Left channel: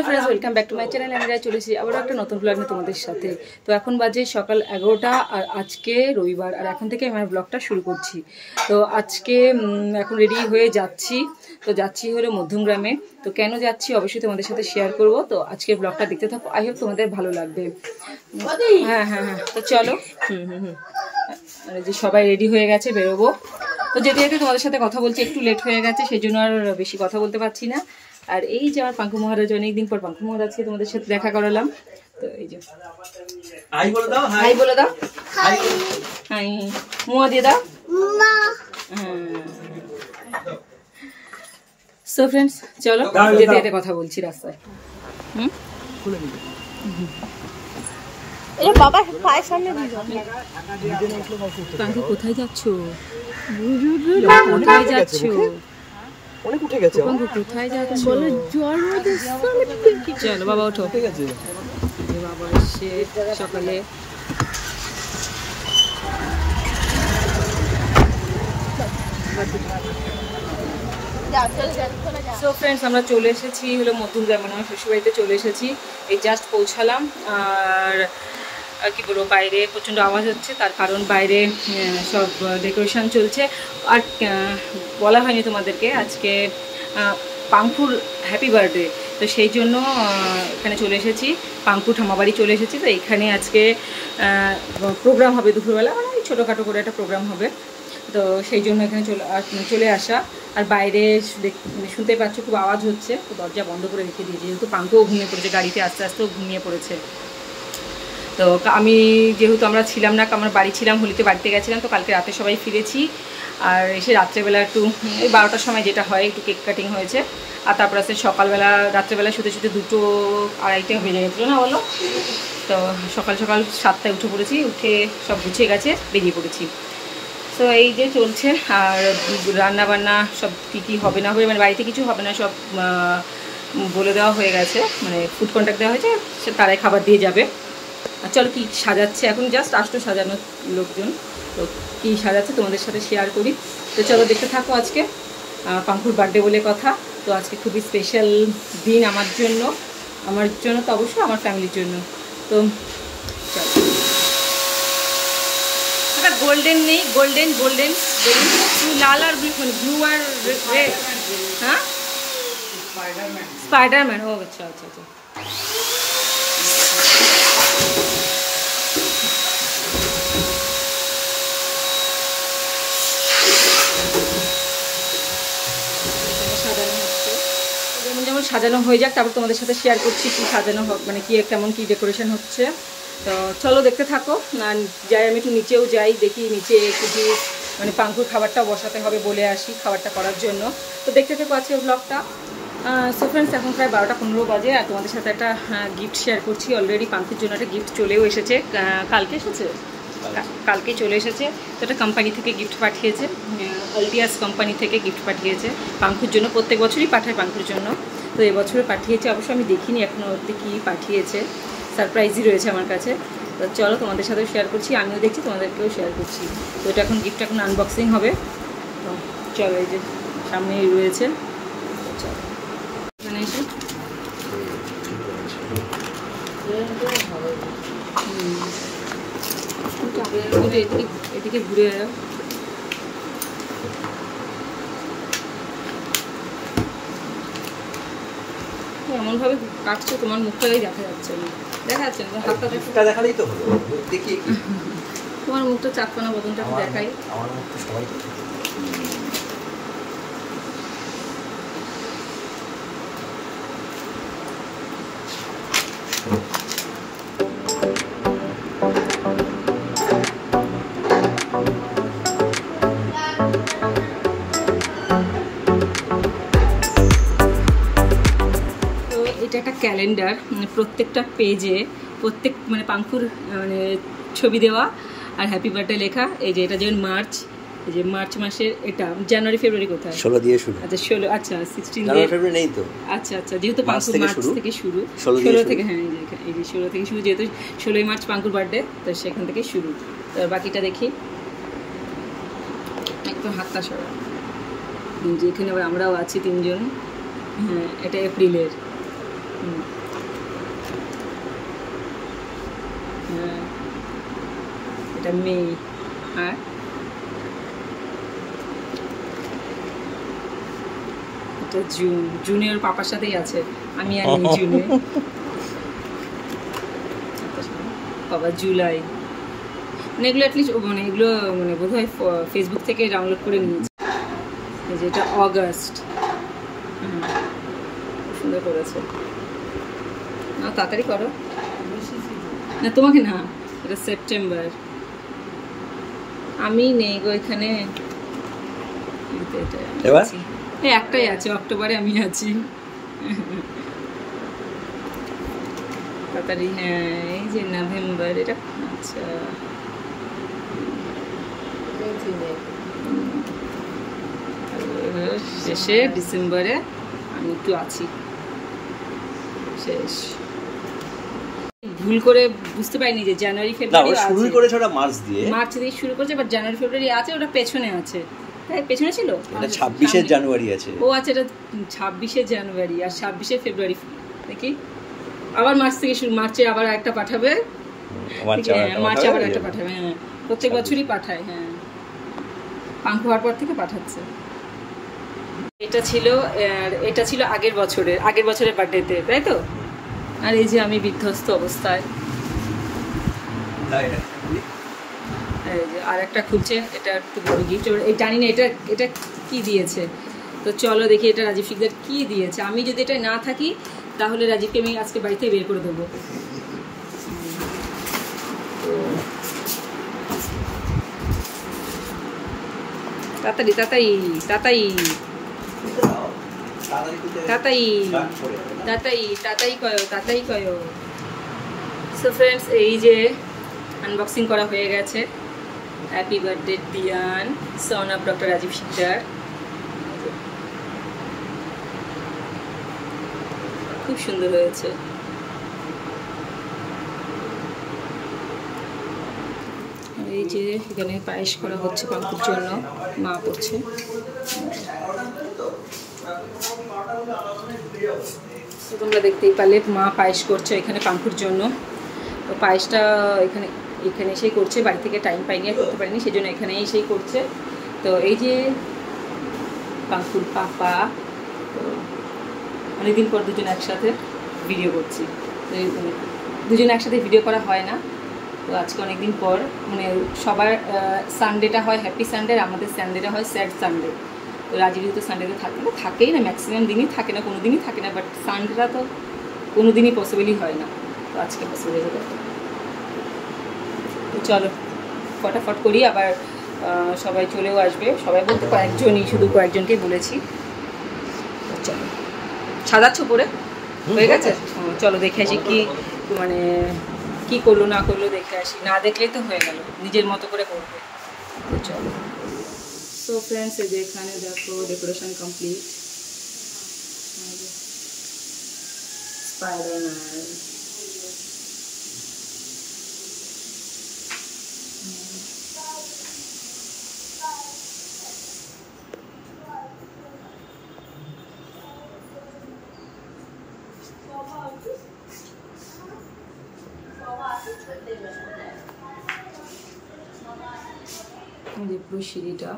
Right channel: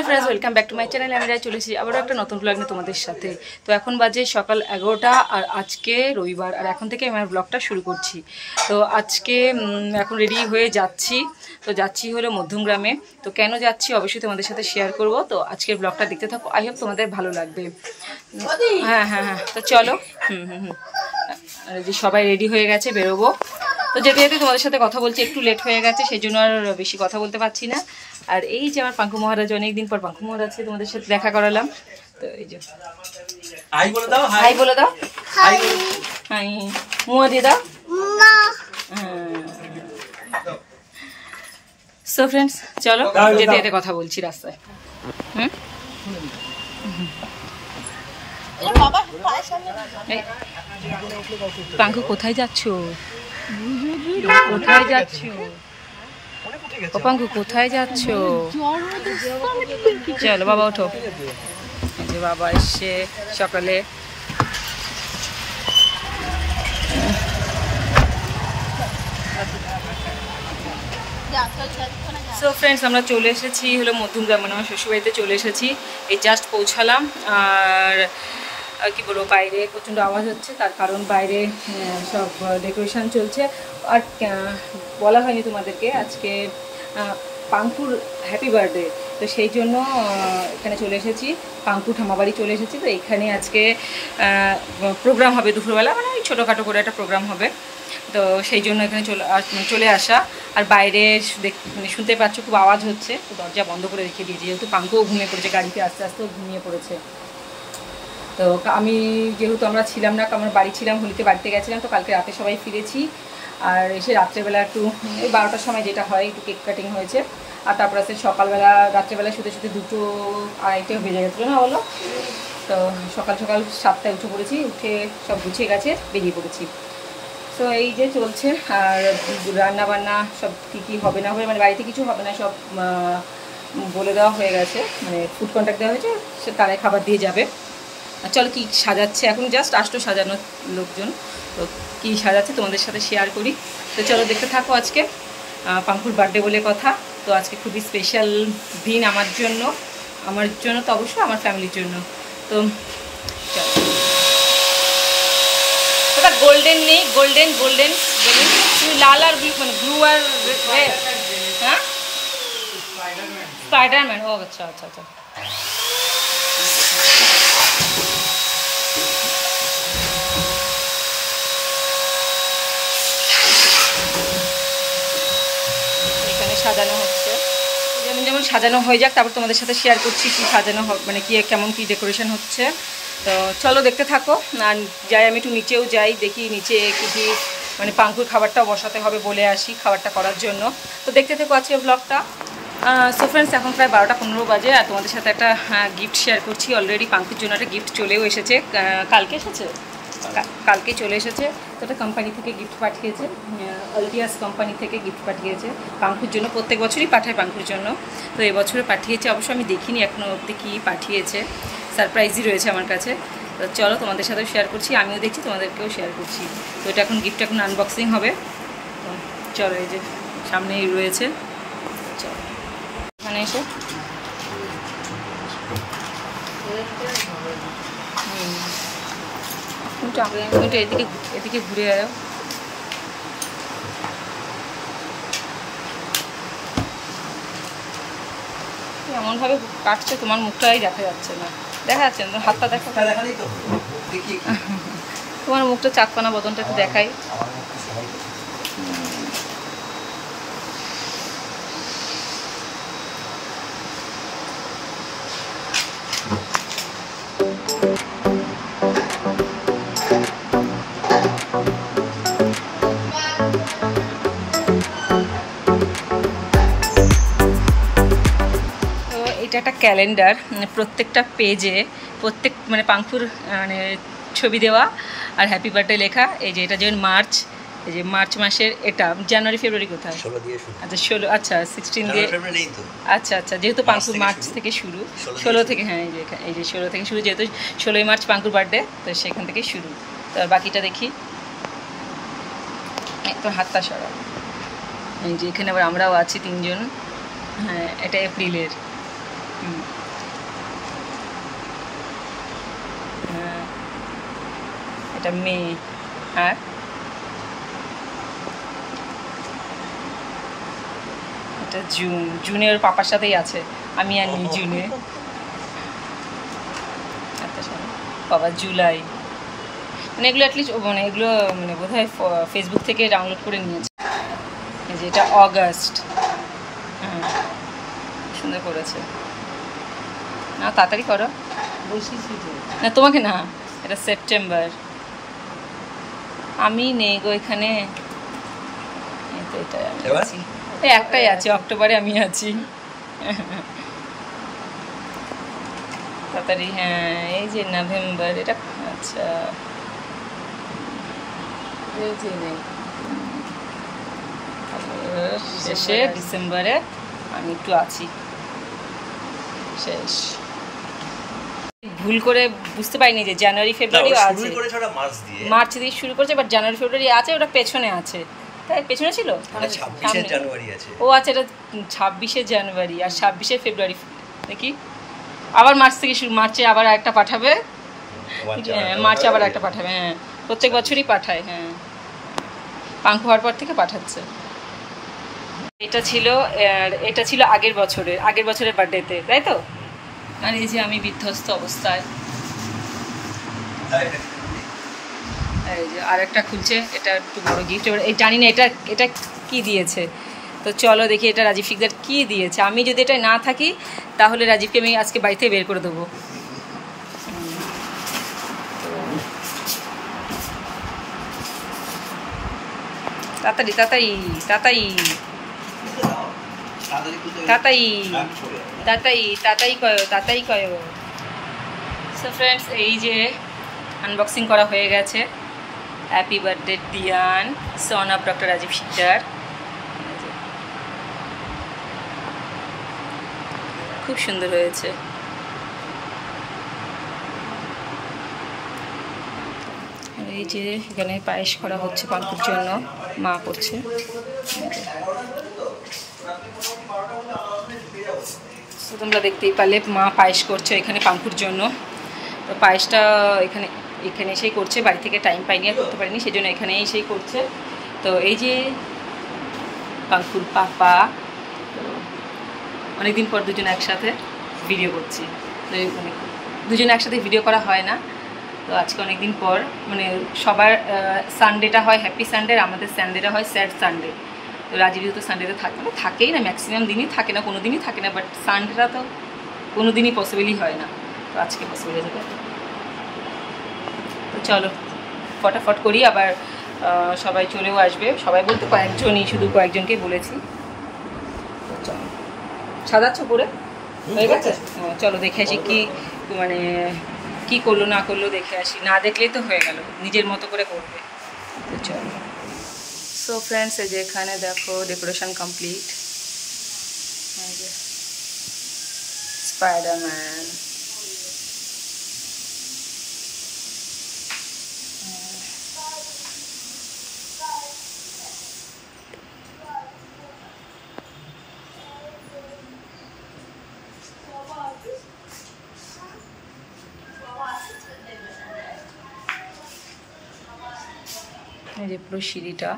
Hello friends, welcome back to my channel. আমি চলে এসেছি আবারও একটা নতুন ব্লগ নিয়ে তোমাদের সাথে। তো এখন বাজে সকাল 11টা আর আজকে রবিবার, আর এখন থেকে আমার ব্লগটা শুরু করছি। তো আজকে এখন রেডি হয়ে যাচ্ছি। তো যাচ্ছি হলো মধ্যমগ্রামে। তো কেন যাচ্ছি অবশ্যই তোমাদের সাথে শেয়ার করব। তো আজকের ব্লগটা দেখতে থাকো, আই হোপ তোমাদের ভালো লাগবে। হ্যাঁ হ্যাঁ হ্যাঁ, তো চলো। যে সবাই রেডি হয়ে গেছে, বেরোবো। তো যেতে যেতে তোমাদের সাথে কথা বলছি, একটু লেট হয়ে গেছে, সেই জন্য আর বেশি কথা বলতে পারছি না। আর এই যে আমার পাঙ্কু মহারাজ, অনেকদিন পর পাঙ্কু মহারাজকে তোমাদের সাথে দেখা করালাম। তো এই যে হাই বলে দাও, হাই বলে দাও, হাই হাই মুয়া দিয়ে দাও। সো ফ্রেন্ডস, চলো যেতে যেতে কথা বলছি রাস্তায়। পাঙ্কু কোথায় যাচ্ছ? কোথায় যাচ্ছ? পাঙ্কু কোথায় যাচ্ছ? চলো বাবা ওঠো। এই যে বাবা এসে সকালে। সো ফ্রেন্ডস, আমরা চলে এসেছি হলো মধ্যমগ্রাম, মানে আমার শ্বশুরবাড়িতে চলে এসেছি। এই জাস্ট পৌঁছালাম। আর কি বলবো, বাইরে প্রচণ্ড আওয়াজ হচ্ছে, তার কারণ বাইরে সব ডেকোরেশন চলছে। আর বলা হয়নি তোমাদেরকে, আজকে পাঙ্কুর হ্যাপি বার্থডে, তো সেই জন্য এখানে চলে এসেছি। পাঙ্কু ঠামাবাড়ি চলে এসেছি। তো এখানে আজকে প্রোগ্রাম হবে দুপুরবেলা, মানে ওই ছোটোখাটো করে একটা প্রোগ্রাম হবে। তো সেই জন্য এখানে চলে আসা। আর বাইরে মানে শুনতে পাচ্ছ খুব আওয়াজ হচ্ছে, তো দরজা বন্ধ করে রেখে দিয়েছি, যেহেতু পাঙ্কুও ঘুমিয়ে পড়েছে, গাড়িতে আস্তে আস্তেও ঘুমিয়ে পড়েছে। তো আমি যেহেতু আমরা ছিলাম না, আমরা বাড়ি ছিলাম, হোলিতে বাড়িতে গেছিলাম। তো কালকে রাতে সবাই ফিরেছি, আর এসে রাত্রেবেলা একটু ওই 12টার সময় যেটা হয় একটু কেক কাটিং হয়েছে। আর তারপর আসতে সকালবেলা রাত্রেবেলা শুতে শুতে 2টো 2:30 বেজে গেছিলো না বলো? তো সকাল সকাল 7টায় উঠে পড়েছি, উঠে সব গুছিয়ে গেছে বেরিয়ে পড়েছি। তো এই যে চলছে। আর রান্না বান্না সব কী হবে না হবে, মানে বাড়িতে কিছু হবে না, সব বলে দেওয়া হয়ে গেছে, মানে ফুড কন্ট্যাক্ট দেওয়া হয়েছে, সে তারাই খাবার দিয়ে যাবে। আর চলো কী সাজাচ্ছে, এখন জাস্ট আসতো সাজানো লোকজন, তো কী সাজাচ্ছে তোমাদের সাথে শেয়ার করি। তো চলো দেখতে থাকো। আজকে পাঙ্কুর বার্থডে বলে কথা। তো আজকে খুবই স্পেশাল দিন আমার জন্য তো অবশ্যই আমার ফ্যামিলির জন্য। তো চলো। ওটা গোল্ডেন নেই, গোল্ডেন বেলুন, তুমি লাল আর ব্লু, মানে ব্লু আর রেড। হ্যাঁ, স্পাইডারম্যান। ও আচ্ছা আচ্ছা আচ্ছা। এখানে সাজানো হচ্ছে, যেমন যেমন সাজানো হয়ে যাক, তারপর তোমাদের সাথে শেয়ার করছি কি সাজানো মানে কি কেমন কি ডেকোরেশন হচ্ছে। তো চলো দেখতে থাকো। আর যাই, আমি একটু নিচেও যাই, দেখি নিচে কি মানে পাঙ্কুর খাবারটাও বসাতে হবে, বলে আসি খাবারটা করার জন্য। তো দেখতে থাকো আজকে ব্লগটা। সো ফ্রেন্ডস, এখন প্রায় 12টা 15 বাজে, আর তোমাদের সাথে একটা গিফট শেয়ার করছি। অলরেডি পাঙ্কুর জন্য একটা গিফট চলেও এসেছে, কালকে চলে এসেছে। তো এটা কোম্পানি থেকে গিফট পাঠিয়েছে, আলডিয়াস কোম্পানি থেকে গিফট পাঠিয়েছে পাঙ্কুর জন্য। প্রত্যেক বছরই পাঠায় পাঙ্কুর জন্য, তো এবছরে পাঠিয়েছে। অবশ্য আমি দেখিনি এখনও অবধি কী পাঠিয়েছে, সারপ্রাইজই রয়েছে আমার কাছে। তো চলো তোমাদের সাথেও শেয়ার করছি, আমিও দেখছি, তোমাদেরকেও শেয়ার করছি। তো এটা এখন গিফট এখন আনবক্সিং হবে। তো চলো, এই যে সামনেই রয়েছে। চলো এখানে এসে এদিকে ঘুরে যাও। এমনভাবে কাটছে, তোমার মুখটাই দেখা যাচ্ছে না, দেখা যাচ্ছে না, হাতটা দেখালেই তো দেখি। তোমার মুখটা চাকপানা বদনটা একটু দেখাই। এটা একটা ক্যালেন্ডার, প্রত্যেকটা পেজে মানে পাঙ্কুর মানে ছবি দেওয়া আর হ্যাপি বার্থডে লেখা। এই যে এটা যেমন মার্চ, এই যে মার্চ মাসের, এটা জানুয়ারি ফেব্রুয়ারি কোথায়? 16 দিয়ে শুরু। আচ্ছা 16, আচ্ছা 16 দিয়ে নেই তো। আচ্ছা আচ্ছা, যেহেতু পাঙ্কুর মার্চ থেকে শুরু, 16 থেকে, হ্যাঁ এই যে 16 থেকে শুরু, যেহেতু 16ই মার্চ পাঙ্কুর বার্থডে, তো সেখান থেকে শুরু। তো বাকিটা দেখি, একটু হাতটা সরাও। এই যে এখানে আবার আমরাও আছি 3 জন। হ্যাঁ, এটা এপ্রিলের। হ্যাঁ, এটা মে। আর এটা জুন। জুনে ওর পাপার সাথেই আছে, আমি আর নেই জুনে। বাবা জুলাই, মানে এগুলো অ্যাটলিস্ট মানে এগুলো মানে বোধ হয় ফেসবুক থেকে ডাউনলোড করে নিয়েছে। এই যে এটা অগাস্ট। হ্যাঁ, খুব সুন্দর করেছে। না তাড়াতাড়ি করো, না তোমাকে না, এটা সেপ্টেম্বর। আমি নেই গো এখানে, এটাই আমি আছি, একটাই আছে অক্টোবরে আমি আছি। তাড়াতাড়ি, হ্যাঁ এই যে নভেম্বর, এটা আচ্ছা শেষে ডিসেম্বরে আমি একটু আছি, শেষ। ভুল করে বুঝতে পারিনি যে জানুয়ারি ফেব্রুয়ারি আছে, মার্চ দিয়ে শুরু করেছে, বাট জানুয়ারি ফেব্রুয়ারি আছে, ওটা পেছনে আছে। তাই পেছনে ছিল, 26শে জানুয়ারি আছে। ও আচ্ছা, এটা 26শে জানুয়ারি আর 26শে ফেব্রুয়ারি দেখি। আবার মার্চ থেকে শুরু, মার্চে আবার একটা পাঠাবে, হ্যাঁ মার্চে আবার একটা পাঠাবে। হ্যাঁ, প্রত্যেক বছরই পাঠায়। হ্যাঁ, পাঙ্কু হওয়ার পর থেকে পাঠাচ্ছে। এটা ছিল আগের বছরের বার্থডেতে, তাই তো? আর এই যে আমি বিধ্বস্ত অবস্থায়, এই যে আর একটা খুলছে, এটা একটু বড় গিফট। এই জানি না এটা কি দিয়েছে, তো চলো দেখি এটা রাজীব শিকদার কি দিয়েছে। আমি যদি এটা না থাকি তাহলে রাজীবকে আমি আজকে বাড়ি থেকে বের করে দেবো। তাড়াতাড়ি তাড়াতাড়ি তাড়াতাড়ি তাড়াতাড়ি তাড়াতাড়ি তাড়াতাড়ি কয়ো, তাড়াতাড়ি কয়ো। সো ফ্রেন্ডস, এই যে আনবক্সিং করা হয়ে গেছে। Happy birthday Diyan, son of doctor Rajib Sikdar. খুব সুন্দর হয়েছে। এই যে এখানে পায়েস করা হচ্ছে পাঙ্কুর জন্য, মা করছে। তো তোমরা দেখতেই পারলে মা পায়েস করছে এখানে পাঙ্কুর জন্য। তো পায়েসটা এখানে এসেই করছে, বাড়ি থেকে টাইম পাইনি আর করতে পারিনি, সেই জন্য এখানে এসেই করছে। তো এই যে পাঙ্কুর পাপা, তো অনেকদিন পর দুজনে একসাথে ভিডিও করছি। তো দুজনে একসাথে ভিডিও করা হয় না, তো আজকে অনেকদিন পর, মানে সবার সানডেটা হয় হ্যাপি সানডে, আর আমাদের সানডেটা হয় স্যাড সানডে। তো রাজীব যেহেতু সানডেতে থাকেই না, ম্যাক্সিমাম দিনই থাকে না, কোনো দিনই থাকে না, বাট সানডেটা তো কোনো দিনই পসিবলই হয় না, তো আজকে পসিবল হয়ে যাবে। তো চলো ফটাফট করি, আবার সবাই চলেও আসবে। সবাই বলতে কয়েকজনই, শুধু কয়েকজনকেই বলেছি। তো চলো, সাজাচ্ছ পরে হয়ে গেছে? চলো দেখে আসি কি মানে কি করলো না করলো, দেখে আসি। না দেখলেই তো হয়ে গেল, নিজের মতো করে করবে। তো চলো। সো ফ্রেন্ডস, এই যে এখানে দেখো ডেকোরেশন কমপ্লিট। স্পাইডারম্যান, এই যে পুরো সিঁড়িটা।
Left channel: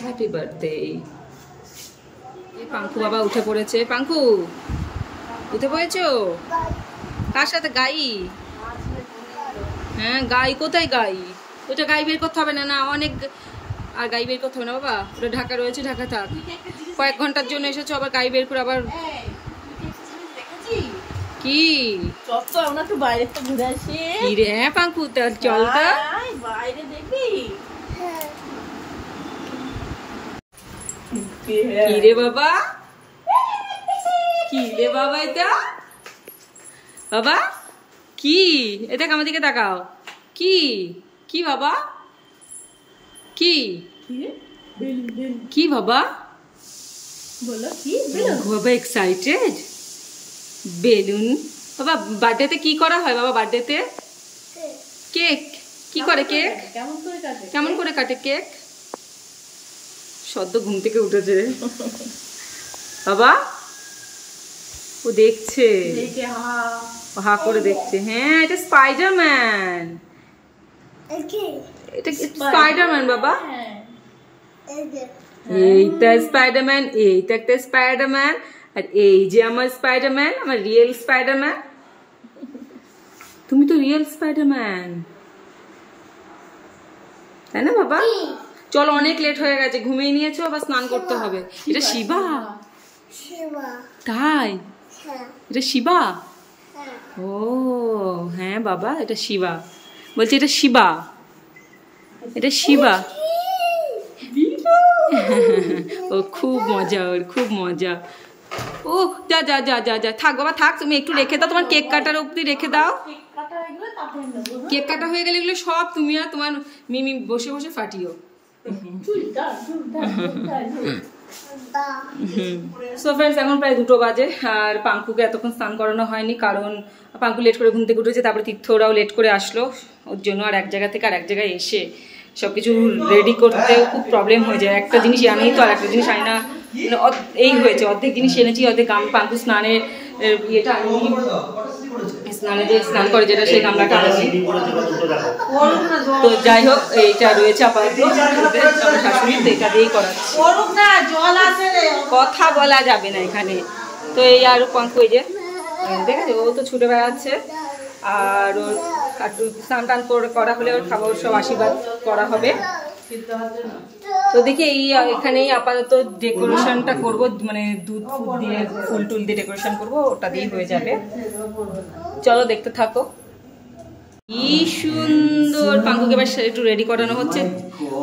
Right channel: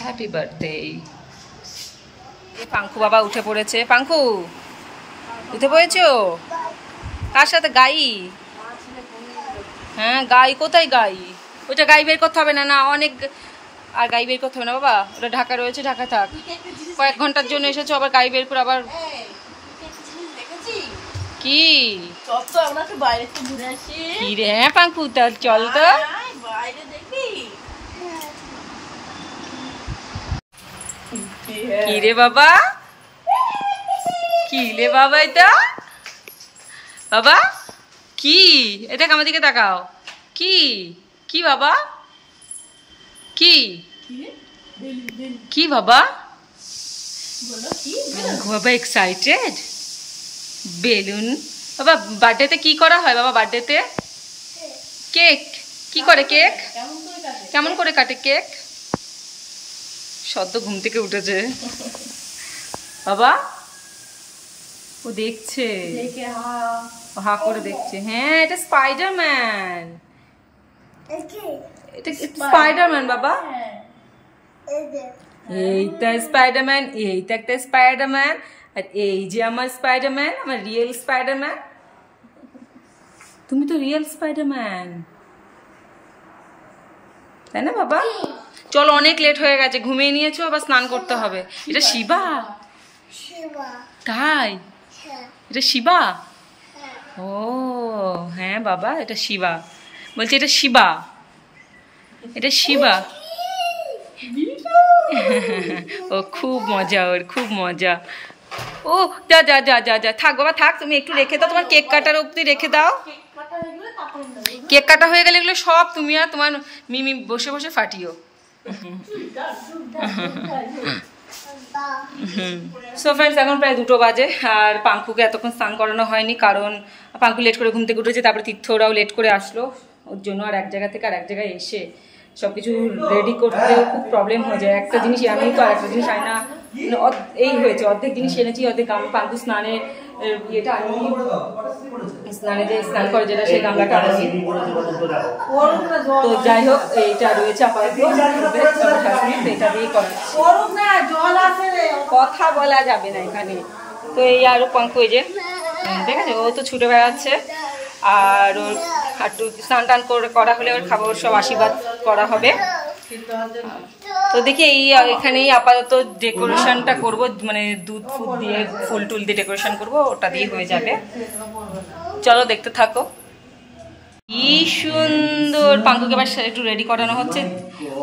Happy birthday. পাঙ্কু বাবা উঠে পড়েছে। পাঙ্কু উঠে পড়েছো? কার সাথে? গাই? হ্যাঁ গাই, কোথায় গাই? ওইটা গাই বের করতে হবে না, না অনেক, আর গাই বের করতে হবে না বাবা, ওটা ঢাকা রয়েছে, ঢাকা থাক। কয়েক ঘন্টার জন্য এসেছো, আবার গাই বের করে আবার কি? কি রে? হ্যাঁ পাঙ্কু, তার চল তো। কি রে বাবা? কি রে বাবা? এটা বাবা কি? এটা আমার দিকে তাকাও। কি কি বাবা? কি কি বাবা বাবা এক্সাইটেড বেলুন বাবা বার্থডেতে কি করা হয় বাবা বার্থডেতে কেক কি করে কেক কেমন করে কাটে কেক সদ্য ঘুম থেকে উঠেছে বাবা ও দেখছে হা করে দেখছে হ্যাঁ এটা স্পাইডারম্যান এটা স্পাইডারম্যান বাবা এইটা স্পাইডারম্যান এইটা একটা স্পাইডারম্যান আর এই যে আমার স্পাইডারম্যান আমার রিয়েল স্পাইডারম্যান তুমি তো রিয়েল স্পাইডারম্যান তাই না বাবা চলো অনেক লেট হয়ে গেছে ঘুমিয়ে নিয়েছো আবার স্নান করতে হবে এটা শিবা তাই এটা শিবা ও হ্যাঁ বাবা এটা শিবা বলছি এটা শিবা এটা শিবা ও খুব মজা ওর খুব মজা ও যা যা যা যা যা থাক বাবা থাক তুমি একটু রেখে দাও তোমার কেক কাটার অবধি রেখে দাও কেক কাটা হয়ে গেলে এগুলো সব তুমি আর তোমার মিমি বসে বসে ফাটিও সো ফ্রেন্ডস এখন প্রায় 2টো বাজে আর পাঙ্কুকে এতক্ষণ স্নান করানো হয়নি কারণ পাঙ্কু লেট করে ঘুম থেকে উঠেছে তারপরে তীর্থরাও লেট করে আসলো ওর জন্য আর এক জায়গা থেকে আর এক জায়গায় এসে সব কিছু রেডি করতেও খুব প্রবলেম হয়ে যায় একটা জিনিস আনেই তো আর একটা জিনিস আনি না এই হয়েছে অর্ধেক জিনিস এনেছি অর্ধেক পাঙ্কু স্নানের ইয়েটা আনিনি স্নানে যে স্নান করে যেটা সেই গামলাটা আনিনি তো যাই হোক এইটা রয়েছে আপাতত শাশুড়ি তো এটা দিয়েই করা কথা বলা যাবে না এখানে তো এই আর পাঙ্কু এই যে ঠিক আছে ও তো ছুটে বেড়াচ্ছে আর ওর একটু স্নান টান করা হলে ওর খাবার সব আশীর্বাদ করা হবে তো দেখি এই এখানেই আপাতত ডেকোরেশনটা করব মানে দুধ ফুল দিয়ে ফুল টুল দিয়ে ডেকোরেশন করব ওটা দিয়ে হয়ে যাবে চলো দেখতে থাকো কি সুন্দর পাঙ্কুকে এবার একটু রেডি করানো হচ্ছে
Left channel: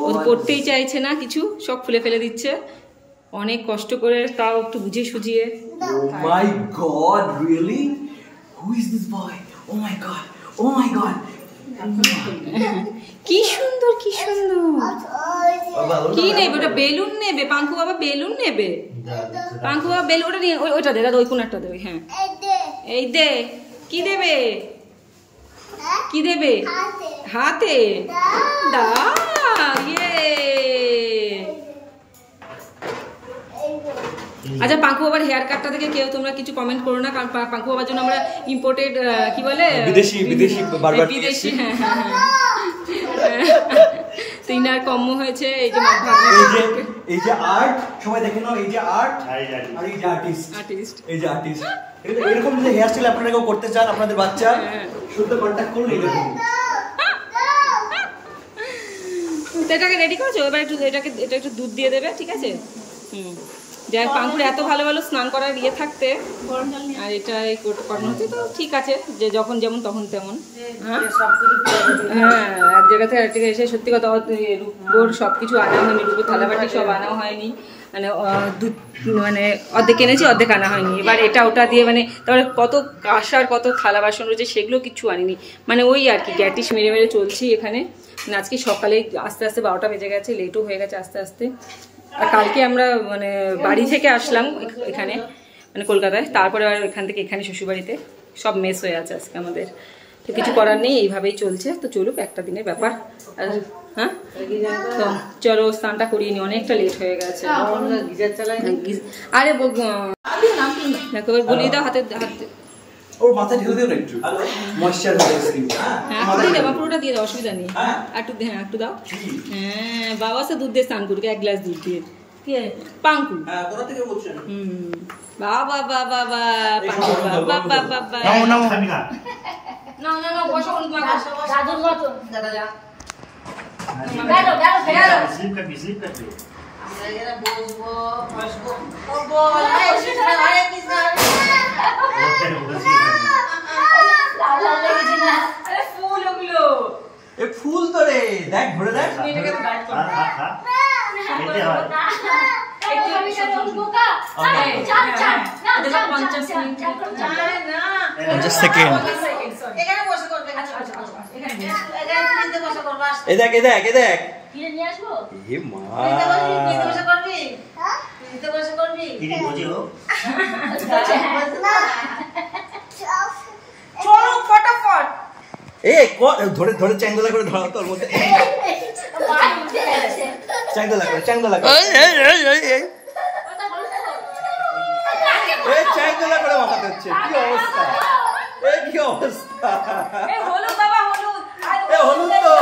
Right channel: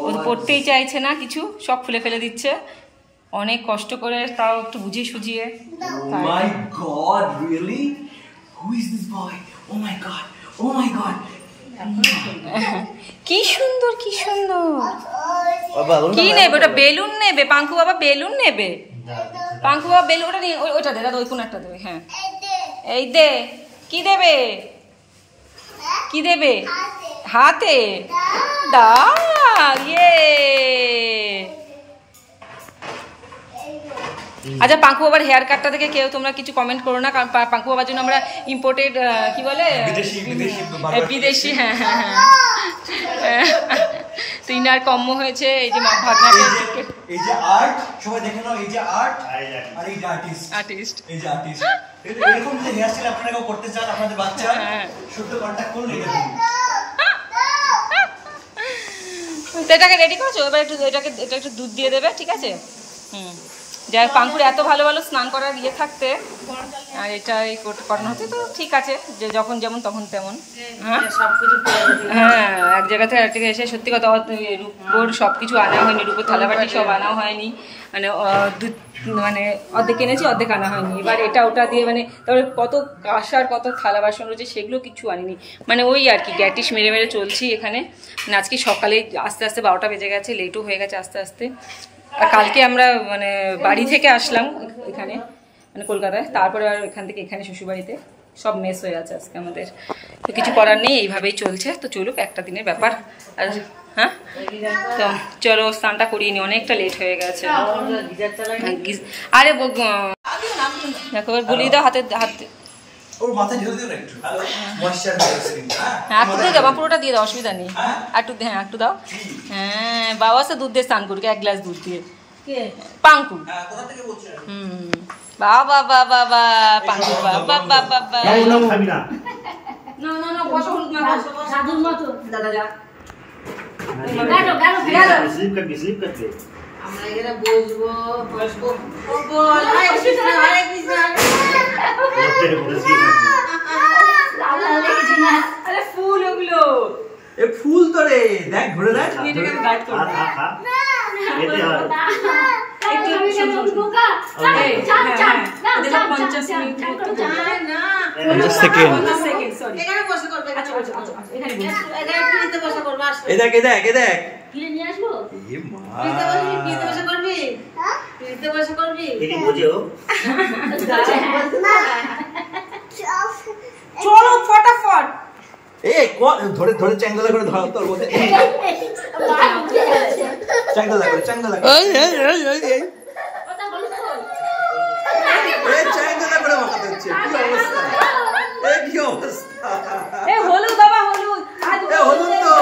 ও পড়তেই চাইছে না কিছু সব খুলে ফেলে দিচ্ছে অনেক কষ্ট করে তাও একটু বুঝিয়ে সুঝিয়ে Oh my god, really? Who is this boy? Oh my god. Oh my god. কি সুন্দর কি সুন্দর কি নেবে ওটা বেলুন নেবে পাঙ্কু বাবা বেলুন নেবে পাঙ্কু বাবা বেলুন ওটা নিয়ে ওইটা দে দাদা ওই কোনারটা দেবে হ্যাঁ এই দে কি দেবে কি দেবে হাতে দা ইয়ে আচ্ছা পাঙ্কু বাবার হেয়ার কাটটা দেখে কেউ তোমরা কিছু কমেন্ট করো না কারণ পাঙ্কু বাবার জন্য আমরা ইম্পোর্টেড কি বলে বিদেশি হ্যাঁ হ্যাঁ হ্যাঁ তো ইনার কম্ম হয়েছে এই যে ভাগনাটা এই যে আর্ট সবাই দেখে নাও এই যে আর্ট আর এই যে আর্টিস্ট এই যে আর্টিস্ট এরকম যদি হেয়ার স্টাইল আপনারা কেউ করতে চান আপনাদের বাচ্চা শুদ্ধ কন্টাক্ট করুন এই দেখুন তো এটাকে রেডি করেছো এবার একটু এটা একটু দুধ দিয়ে দেবে ঠিক আছে যাই পাঙ্কুর এত ভালো ভালো স্নান করার ইয়ে থাকতে আর এটা করানো হচ্ছে তো ঠিক আছে যে যখন যেমন তখন তেমন হ্যাঁ এক জায়গা থেকে আরেক জায়গায় এসে সত্যি কথা রূপোর সব কিছু আনা হয়নি রূপোর থালাবাটি সব আনা হয়নি মানে মানে অর্ধেক কিনেছি অর্ধেক আনা হয়নি এবার এটা ওটা দিয়ে মানে তারপরে কত কাঁসার কত থালা বাসন রয়েছে সেগুলো কিছু আনিনি মানে ওই আর কি গ্যাটিস মেরে মেরে চলছি এখানে মানে আজকে সকালে আস্তে আস্তে 12টা বেজে গেছে লেটও হয়ে গেছে আস্তে আস্তে আর কালকে আমরা মানে বাড়ি থেকে আসলাম এখানে মানে কলকাতায় তারপরে আর এখান থেকে এখানে শ্বশুরবাড়িতে সব মেস হয়ে আছে আজকে আমাদের তো কিছু করার নেই এইভাবেই চলছে তো চলুক একটা দিনের ব্যাপার আর হ্যাঁ তো চলো স্নানটা করিয়ে নি অনেকটা লেট হয়ে গেছে আরে দেখো গুলিয়ে দাও হাতে ওর মাথায় ঢেলে দিও না একটু ময়শ্চার হয়ে স্কিন হ্যাঁ একটু দিয়ে দাও পুরোটা দিয়ে দাও অসুবিধা নেই একটু হ্যাঁ একটু দাও হ্যাঁ বাবা সে দুধ দিয়ে স্নান করি 1 গ্লাস দুধ দিয়ে পাঙ্কু কোথা থেকে বলছেন বাবা বাবা বাবা পাঙ্কু বাবা বাবা বাবা নামো নামো না না না বসো হলুদ মাখা দাদুর মতো দাদা যা স্লিপ করতে আমরা এরা বসবো ও বল আরে কৃষ্ণ আরে ফুল ওগুলো এ ফুল তো রে দেখ ঘুরে দেখ এটাকে গাইড করো খেতে হয় একটু বোকা চাপ চাপ না 50 মিনিট না 50 সেকেন্ড সরি এখানে বসে করবে আচ্ছা এখানে বসে এখানে ফ্রিতে বসে করবে এই দেখ এই দেখ এই দেখ ফ্রি নিয়ে আসবো এ মা পিতে বসে করবি পিতে বসে করবি तेरी बोझे हो চলো ফটাফট এই ধরে ধরে চ্যাঙ্গলা করে ধরাও তোর মধ্যে চ্যাঙ্গলা করে এই চ্যাঙ্গলা করে মাথাতে হচ্ছে কি অবস্থা কি অবস্থা হলুদ বাবা হলুদ হলুদ তো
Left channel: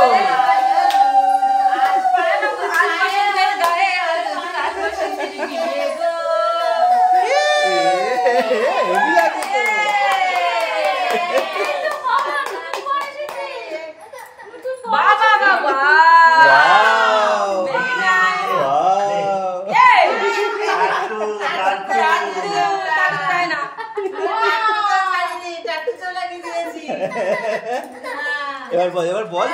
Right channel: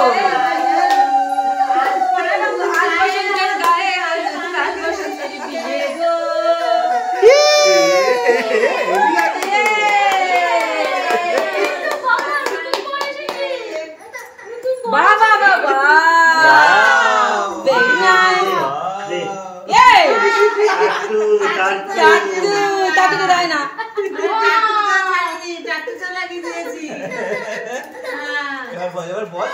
এবার বল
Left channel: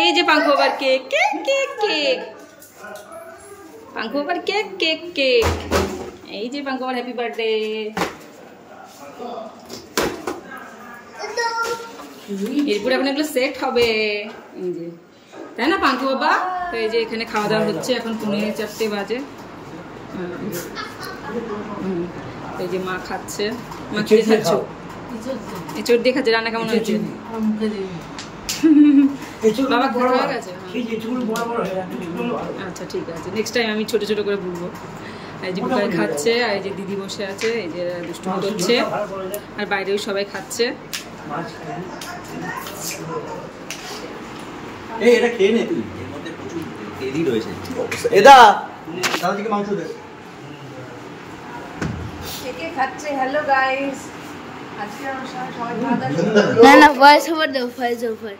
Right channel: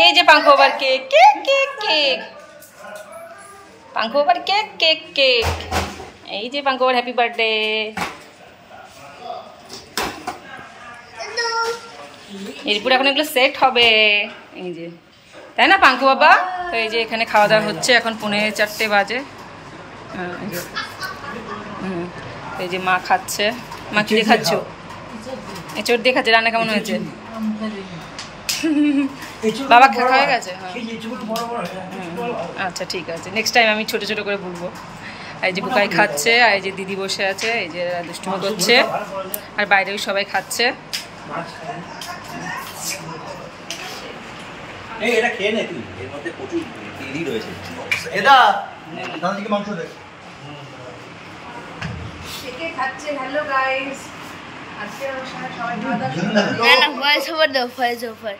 এই যে পাঙ্কু বাবার কেক কেক কেক কেক পাঙ্কু বাবার কেক কেক কেক এই যে পাঙ্কু বাবার হ্যাপি বার্থডে এরপর এখন এগুলো সেট হবে এই যে তাই না পাঙ্কু বাবা তো এই যে এখানে খাওয়া দাওয়া হচ্ছে এখন 4:45 বাজে এই যে মা খাচ্ছে মা কি দেখাচ্ছ এঁচড় দিয়ে খাচ্ছে রান্না কেমন হয়েছে বাবা খাওয়া হয়ে গেছে আচ্ছা ঠিক আছে নেক্সট টাইম আমি ছোট ছোট করে বলবো এই যে বুকাই খাচ্ছে আর এই যে দিদি বসে আছে এই যে দুষ্টুমি করছে আর বাইরেও সবাই খাচ্ছে এই এটা খেয়ে নে তুই এর মধ্যে প্রচুর তেলই রয়েছে এদা দাদাজিকে মাংস দে কে খাচ্ছে হ্যালো গাইস আজকে সবাই না ভয়েস ওভার দাও ভয়েস ওভার